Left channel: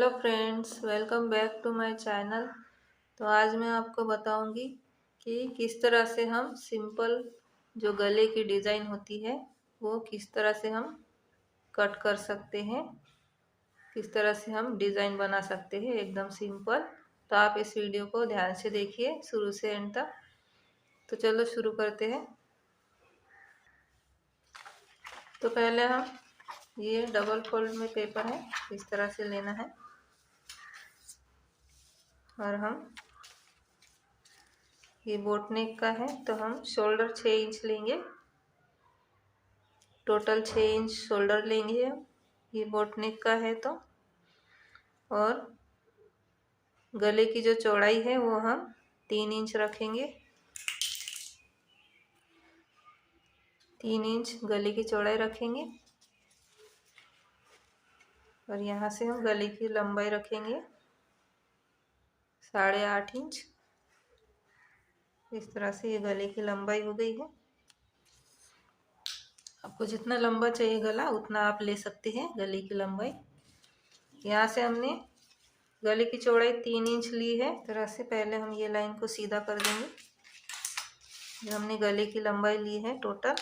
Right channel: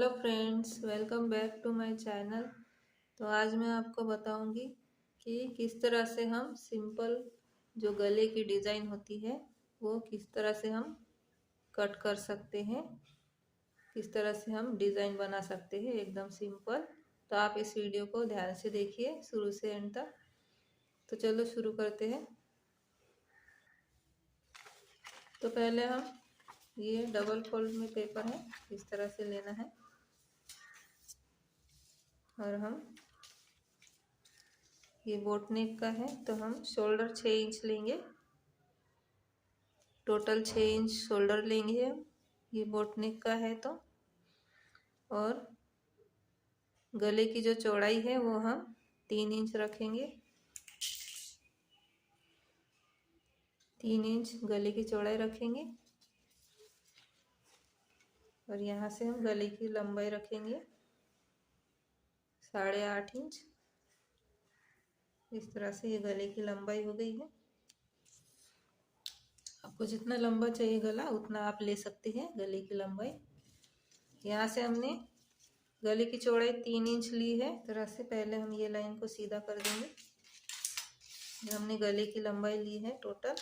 Hello friends, welcome back to my channel. तो आज मैं आपको बताऊंगी कि किस तरह से हम सिंपल जो गले की डिज़ाइन होती है वो किस तरह से हम कट कर सकते हैं, किस तरह से हम डिज़ाइन बना सकते हैं एकदम सिंपल। तो आप इस वीडियो को ध्यान से देखिए शुरू से एंड तक। तो चलो शुरू करते हैं। तो पहले हम ये डबल फोल्ड में पेपर है, इस तरह से लेना है और हम ये बोट नेक का है तो हम शोल्डर 6 इंच लेंगे, टोटल 6 इंच शोल्डर लेंगे हम। ये बोट नेक का है तो और गले की जो चौड़ाई है वो हम 3 इंच रखेंगे। 3 इंच गले की चौड़ाई रखेंगे और यहाँ से हम गले की लंबाई रखेंगे 8.5 इंच। इस तरह से ये गले की लंबाई हो गई है। आपको जितना लंबा चाहिए गला उतना आप ले सकते हैं गले की लंबाई। यहाँ से हमने गले की चौड़ाई 3 इंच ली है। इस तरह से पहले हम ये लाइन को सीधा कर देंगे। जो हमने गले की लंबाई ली है टोटल,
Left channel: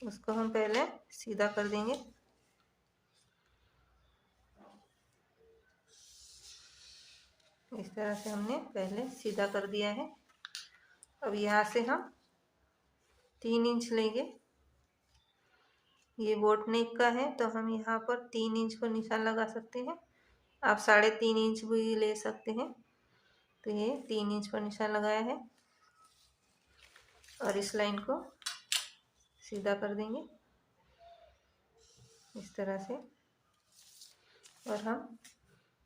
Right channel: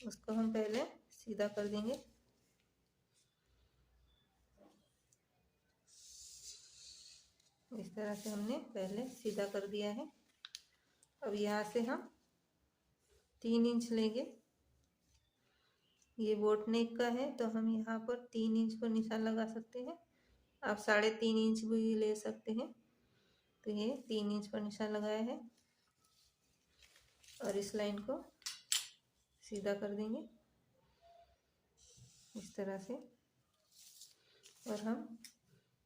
उसको हम पहले सीधा कर देंगे। इस तरह से हमने पहले सीधा कर दिया है। अब यहाँ से हम 3 इंच लेंगे। ये बोट नेक का है तो हम यहाँ पर 3 इंच को निशान लगा सकते हैं। आप 3.5 इंच भी ले सकते हैं। तो ये 3 इंच पर निशान लगाया है और इस लाइन को सीधा कर देंगे इस तरह से। और हम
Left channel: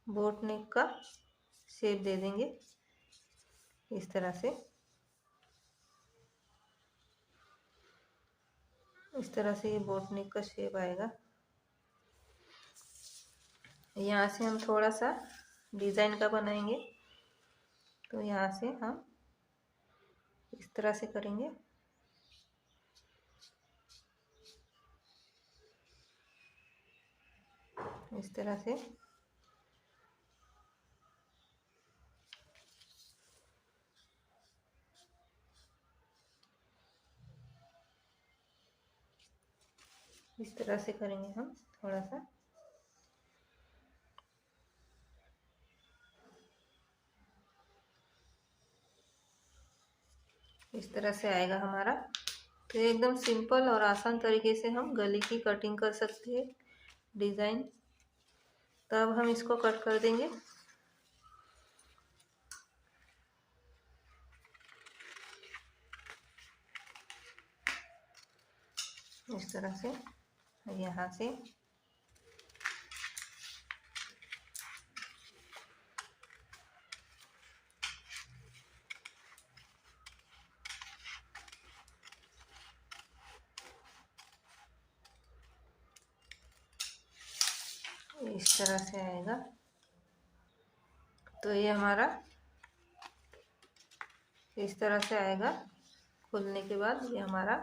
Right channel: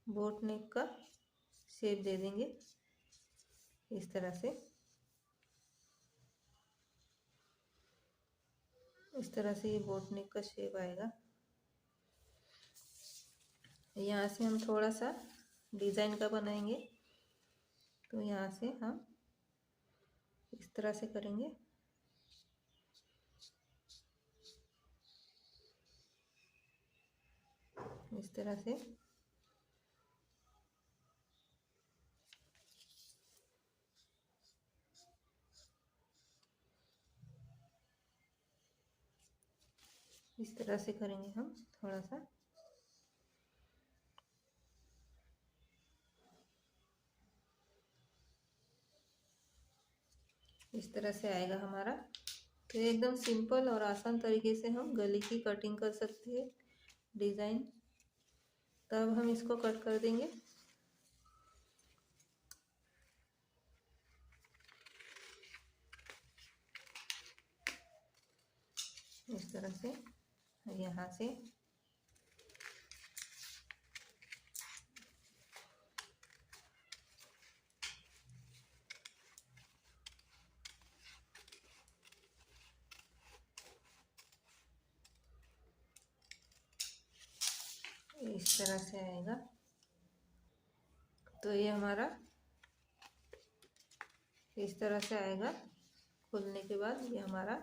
बोट नेक का शेप दे देंगे इस तरह से। इस तरह से ये बोट नेक का शेप आएगा। यहाँ से हम थोड़ा सा डिज़ाइन का बनाएंगे। तो यहाँ से हम इस तरह से करेंगे। इस तरह से इस तरह से करेंगे हम थोड़ा सा। इस तरह से आएगा हमारा। तो एकदम सिंपल और आसान तरीके से हम गले की कटिंग कर सकते हैं डिज़ाइन। तो अब हम इसको कट कर देंगे। इस तरह से यहाँ से इस तरह से आएगा। तो ये हमारा इस तरह से आएगा। खुलने के बाद ये हमारा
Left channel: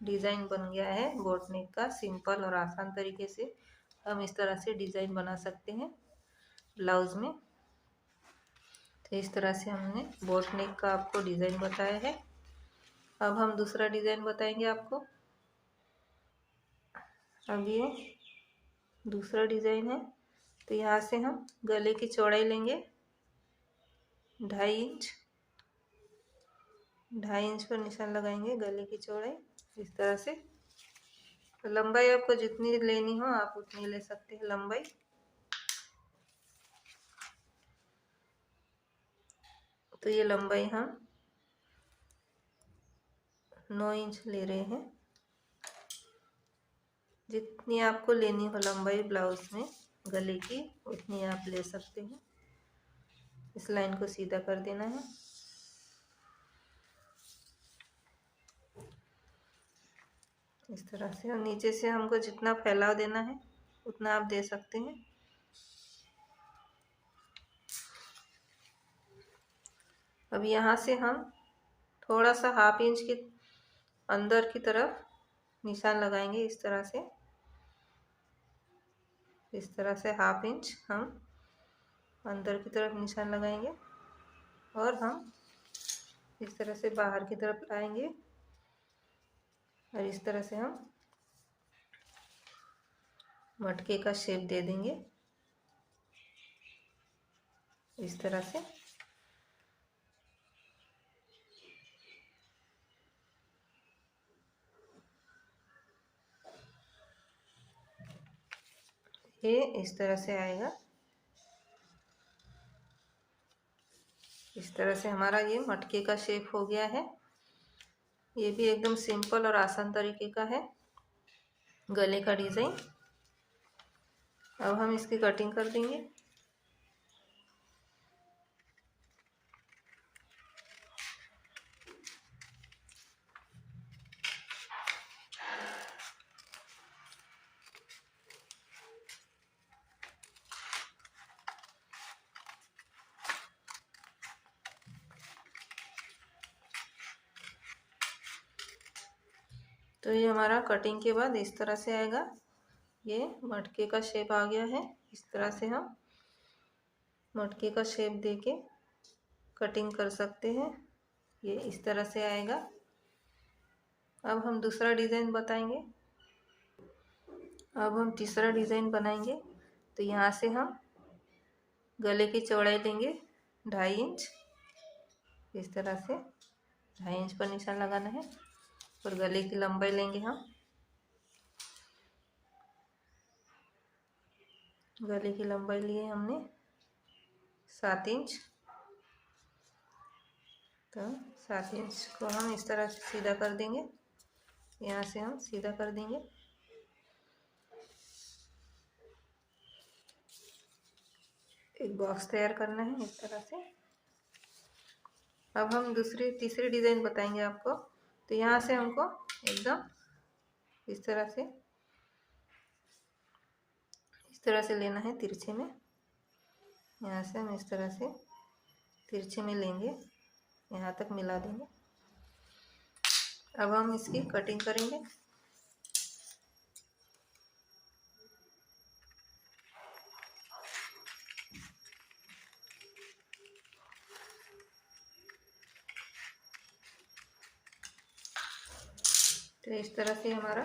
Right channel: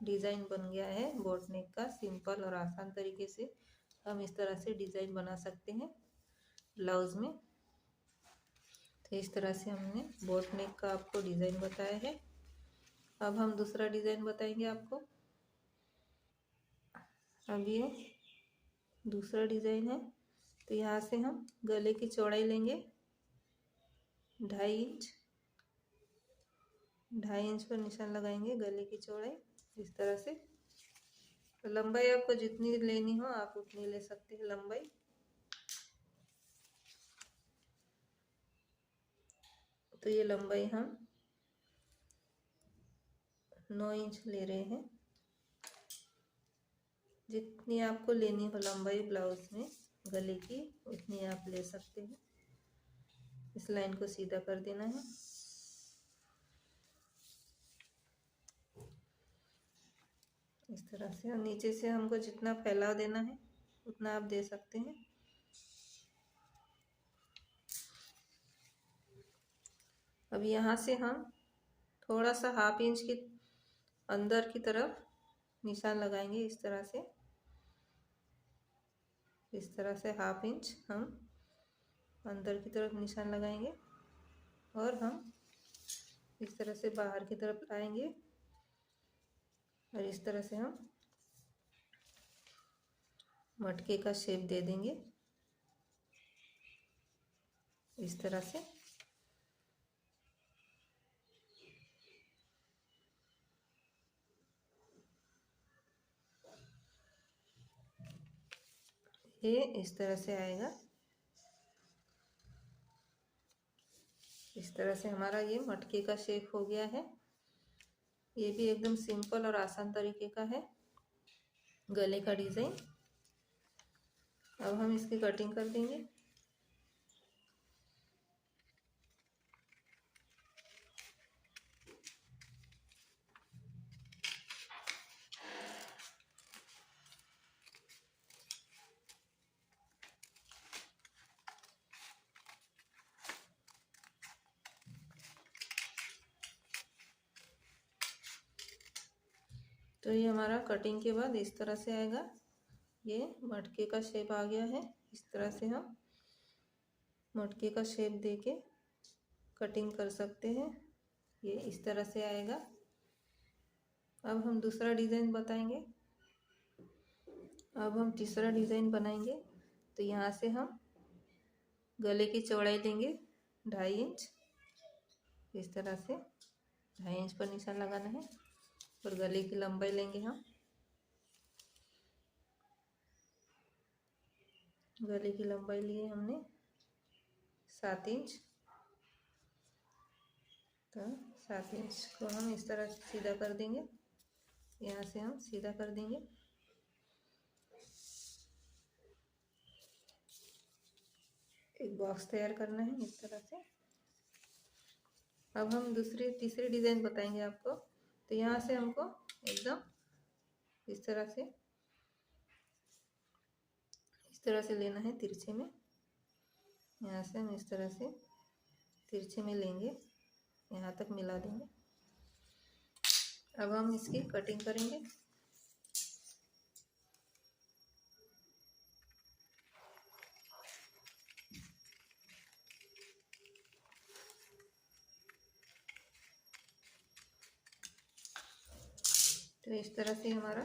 डिज़ाइन बन गया है बोट नेक का। सिंपल और आसान तरीके से हम इस तरह से डिज़ाइन बना सकते हैं ब्लाउज़ में। तो इस तरह से हमने बोट नेक का आपको डिज़ाइन बताया है। अब हम दूसरा डिज़ाइन बताएंगे आपको। अब ये दूसरा डिज़ाइन है। तो यहाँ से हम गले की चौड़ाई लेंगे 2.5 इंच। 2.5 इंच पर निशान लगाएंगे गले की चौड़ाई इस तरह से। लंबाई आपको जितनी लेनी हो आप उतनी ले सकते हैं लंबाई। तो ये लंबाई हम 9 इंच ले रहे हैं। जितनी आपको लेनी हो लंबाई ब्लाउज में गले की उतनी आप ले सकते हैं। इस लाइन को सीधा कर देना है। इस तरह से और नीचे से हमको जितना फैलाव देना है उतना आप दे सकते हैं। अब यहाँ से हम थोड़ा सा 1/2 इंच की अंदर की तरफ निशान लगाएंगे इस तरह से। इस तरह से 1/2 इंच हम अंदर की तरफ निशान लगाएंगे और हम इस तरह से बाहर की तरफ लाएंगे और इस तरह से हम मटके का शेप दे देंगे इस तरह से। ये इस तरह से आएगा। इस तरह से हमारा ये मटके का शेप हो गया है। ये भी एकदम सिंपल और आसान तरीके का है गले का डिज़ाइन। अब हम इसकी कटिंग कर देंगे। तो ये हमारा कटिंग के बाद इस तरह से आएगा। ये मटके का शेप आ गया है। इस तरह से हम मटके का शेप देके कटिंग कर सकते हैं। ये इस तरह से आएगा। अब हम दूसरा डिज़ाइन बताएंगे। अब हम तीसरा डिज़ाइन बनाएंगे। तो यहाँ से हम गले की चौड़ाई लेंगे 2.5 इंच। इस तरह से 2.5 इंच पर निशान लगाना है और गले की लंबाई लेंगे हम। गले की लंबाई लिए हमने 7 इंच। तो 7 इंच को हम इस तरह से सीधा कर देंगे। यहाँ से हम सीधा कर देंगे। एक बॉक्स तैयार करना है इस तरह से। अब हम तीसरी डिज़ाइन बताएंगे आपको। तो यहाँ से हमको एकदम इस तरह से लेना है तिरछे में। यहाँ से हम इस तरह से तिरछे में लेंगे, यहाँ तक मिला देंगे। अब हम इसकी कटिंग करेंगे। तो इस तरह से हमारा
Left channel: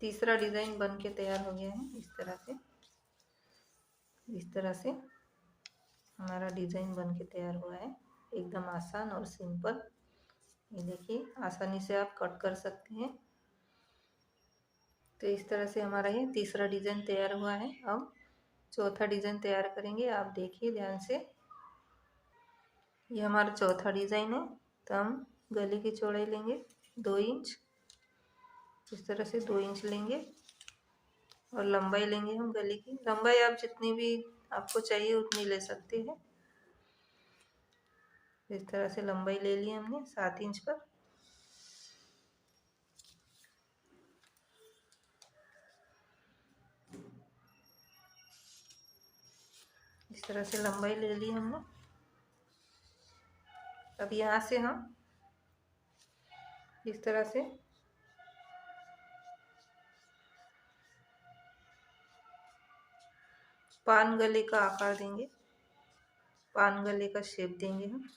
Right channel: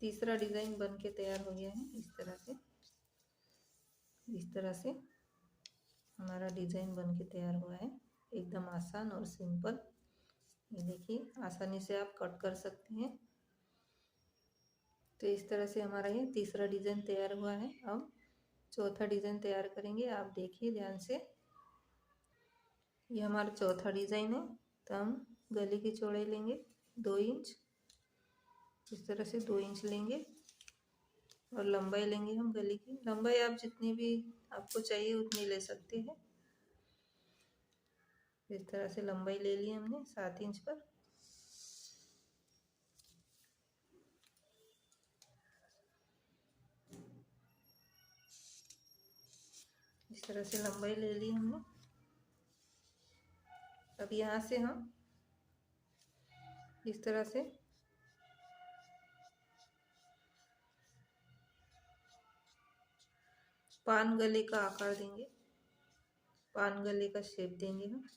तीसरा डिज़ाइन बन के तैयार हो गया है। इस तरह से हमारा डिज़ाइन बन के तैयार हुआ है। एकदम आसान और सिंपल। ये देखिए, आसानी से आप कट कर सकते हैं। तो इस तरह से हमारा ये तीसरा डिज़ाइन तैयार हुआ है। अब चौथा डिज़ाइन तैयार करेंगे। आप देखिए ध्यान से। ये हमारा चौथा डिज़ाइन है। तो हम गले की चौड़ाई लेंगे 2 इंच। इस तरह से 2 इंच लेंगे और लंबाई लेंगे हम गले की। लंबाई आप जितनी भी आपको चाहिए उतनी ले सकते हैं। इस तरह से लंबाई ले ली हमने 7 इंच पर। इस तरह से लंबाई ले ली हमने। अब यहाँ से हम इस तरह से पान गले का आकार देंगे, पान गले का शेप देंगे हम।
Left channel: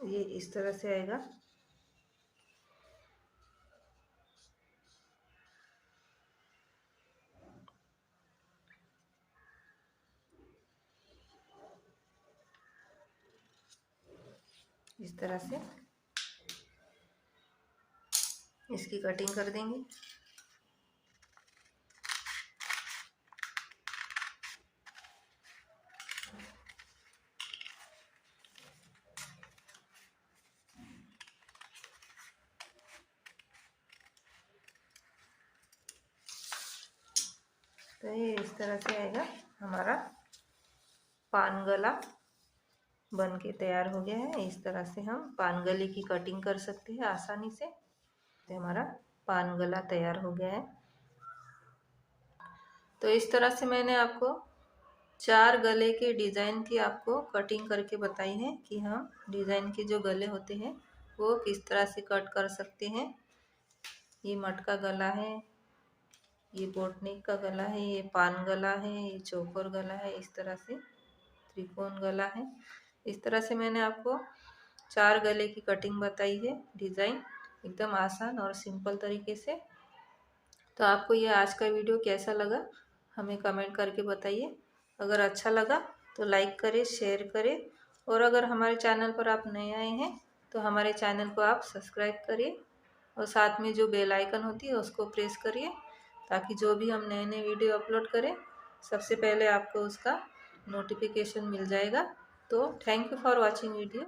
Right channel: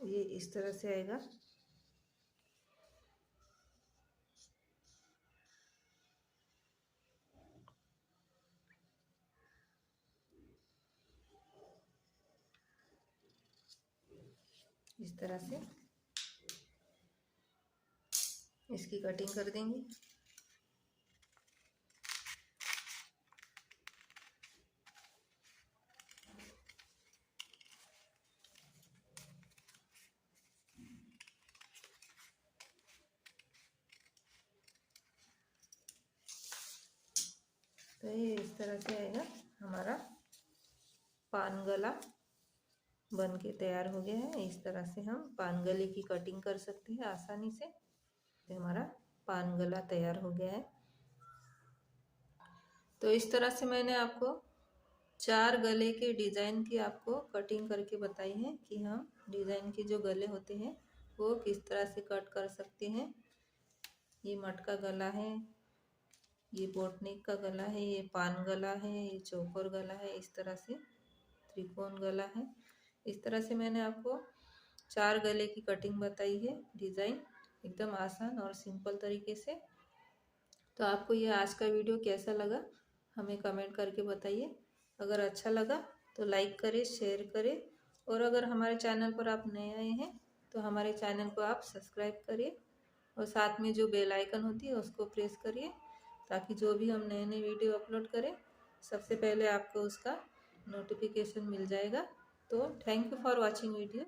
ये इस तरह से आएगा। इस तरह से इसकी कटिंग कर देंगे। तो ये इस तरह से आएगा। हमारा पान गला बन के तैयार हो गया है। इस तरह से हम पान गले की कटिंग कर सकते हैं आसानी से। तो हमारा पान गला तैयार हो गया है। तो इस तरह से मैंने आपको 4 गले के डिज़ाइन की आपको कटिंग करके बताई है कि हम डिज़ाइन के जो गले होते हैं वो किस तरह से कट कर सकते हैं। ये मटका गला है, ये बोटनेक का गला है, ये पान गला है, ये चौकोर गला है, इस तरह से त्रिकोण गला है। इस तरह से मैंने आपको 4 गले की कटिंग बताई है, डिज़ाइन एकदम आसान और सिंपल तरीके से। तो आपको ये आज का वीडियो कैसा लगा हमें कमेंट करके बताइए। अगर अच्छा लगा तो लाइक करें, शेयर करें, और अगर हमारे चैनल पर आप नए आए हैं तो हमारे चैनल को आप सब्सक्राइब करिए और साथ में जो बेल आइकन होती है उसको प्रेस करिए, ताकि जो भी हम नए नए वीडियो अपलोड करें सबसे पहले आपको उसका नोटिफिकेशन मिल जाएगा। तो thank you for watching video.